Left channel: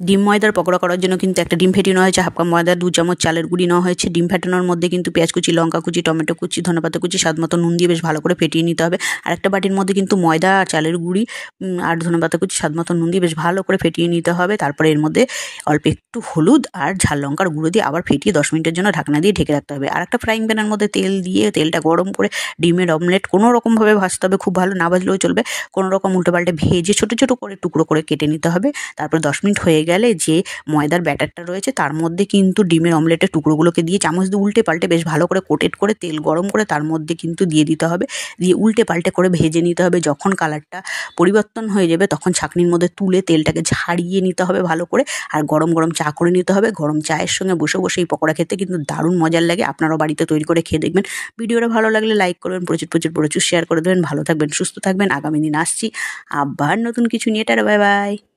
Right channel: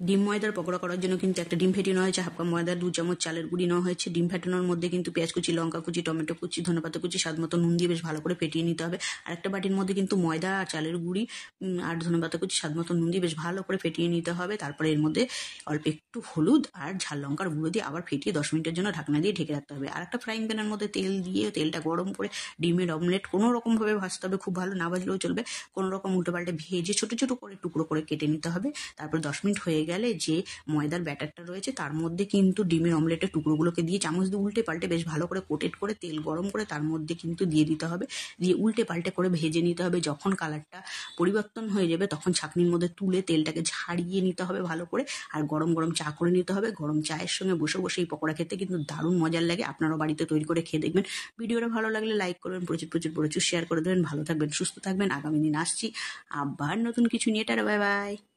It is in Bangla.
ডিম ময়দার পকোড়া করার জন্য কিন্তু একটা ডিম ফেটিয়ে নেওয়া হয়েছে, হাফ কাপ ময়দা, 2 চামচ চালের গুঁড়ি নেওয়া হয়েছে। ডিম ফেটানোর মধ্যে কিন্তু পেঁয়াজ কুচি, লঙ্কা কুচি, টমেটো কুচি, ধনেপাতা কুচি, স্বাদ মতো নুন দিয়ে বেশ ভালো করে ফেটিয়ে নিতে হবে। আর একটা বাটির মধ্যে কিন্তু ময়দা আর চালের গুঁড়ি আর ধনেপাতা কুচি, স্বাদ মতো নুন দিয়ে বেশ ভালো করে ফেটিয়ে নিতে হবে। তারপরে এর মধ্যে অল্প একটু হলুদ আর ঝাল লঙ্কার গুঁড়ো দিয়ে আবার ফেটিয়ে 10 মিনিটের জন্য ঢাকনা দিয়ে ঢেকে রাখতে হবে। আর একটা ফ্রাইং প্যানের মধ্যে তেল দিয়ে তেলটা গরম করে ডিমের অমলেট কোনো রকমভাবে ভাজতে হবে, খুব ভালো না ভাজলেও চলবে, কোনো রকম উল্টো পাল্টে ভেজে ছোটো ছোটো করে টুকরো করে কেটে নিতে হবে। তারপর 10 মিনিট হয়ে গেলে যে ময়দার ব্যাটারটা রয়েছে তার মধ্যে কিন্তু ডিমের অমলেটের টুকরোগুলোকে দিয়ে চামচ দিয়ে উল্টে পাল্টে বেশ ভালো করে কোটেড করে তেল গরম করে তার মধ্যে কিন্তু দিয়ে দিতে হবে, দিয়ে উল্টে পাল্টে করে ভেজে নিতে হবে। যখন কালারটা পরিবর্তন হয়ে যাবে তখন ছাঁকনির মধ্যে তুলে তেলটাকে ঝাড়িয়ে নিতে হবে ভালো করে, আর গরম গরম চা করে নিতে হবে। গরম চায়ের সঙ্গে বসে বসে এই পকোড়া খেতে কিন্তু দারুণ মজার লাগে। আপনারাও বাড়িতে তৈরি করে খেয়ে দেখবেন। ভিডিওটা ভালো লাগলে লাইক করবেন, প্রচুর প্রচুর প্রচুর শেয়ার করে দেবেন। ভালো থাকবেন, সুস্থ থাকবেন। আগামী দিন আসছি আবার নতুন কিছু নিয়ে। Tata, bye bye.